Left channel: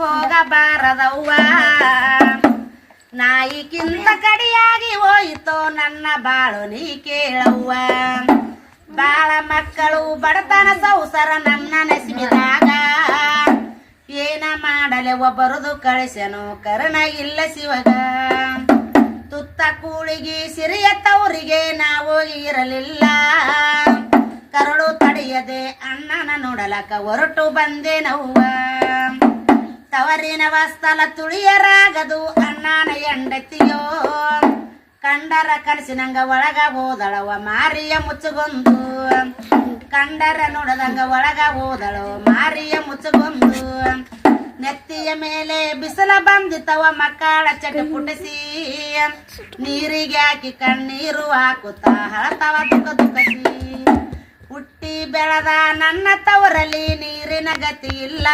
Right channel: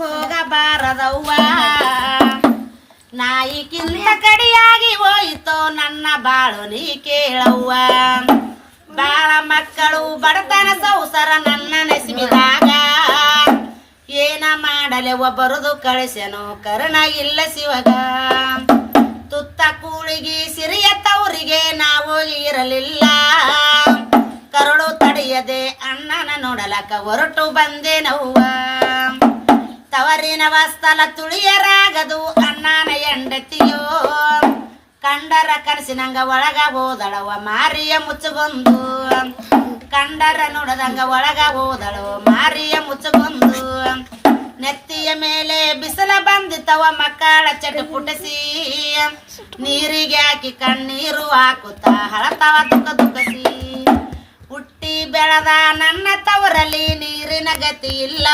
ಹೋಗಬಾರದವ್ವ ನಾಯಿಗಿಂತ ಕಡಿಯಾಗಿ ಹೋಯಿತೋ ನನ್ನ ಬಾಳು ನೀ ಕೇಳವ್ವ. ಬಾಳ ಮಕ್ಕಳು ಬಡತನ ಸೌಸರ ನನ್ನ ನೆಸಿಮಿದಾಗ ಏನ ಮಾಡಲೆ ಒಬ್ಬರದು ಕಳಿಸೆನೋ ಕರ್ಣ ಇಲ್ಲ ಶಿವಗ. ತುತ್ತ ಕೂಳಿಗಿ ಸಿರಿಯ ತವರಿಗೆ ನಾವು ಇರಲಿಲ್ಲ, ಕರುಳು ತಡೆಯದೆ ಅಣ್ಣನ ನೋಡಲಕ ಹೊರಟು ಬಂದೆನವ್ವ. ತವರಿನ ವಸ್ತಲ ತುಳಿಯರಾಗದು ಅಣ್ಣನ ಎಂಡತಿಯೋ, ಕಂಡರ ಕನಸಿನಂಗ ಒಳಗ ಹೋದಳವ ಮಾರಿಯ ಮುಚ್ಚಗೊಂದು. ಕಂಡರ ನೋಡದಂಗ ಒಳಗ ಹೋದಳವ ಮಾರಿಯ ಮುಚ್ಚಗೊಂದು. ನೆತ್ತಿಯ ಮೇಲೆ ಬಿಸಿಲ ಬಂದಿತ್ತವ ಮಕ್ಕಳ ಚಟಪುಟಸಿ, ನೀರಿಗೆ ಹಾಕಿ ಕಣ್ಣೀರು ಹಾಕುತ್ತಾ ಹಳತವ ದುಃಖ ದುಃಖಸಿ. ಹುಟ್ಟಿ ಬೆಳೆದ ನನ್ನ ತವರಲ್ಲಿ ನೀರಿನ ಗತಿ ಇಲ್ಲ,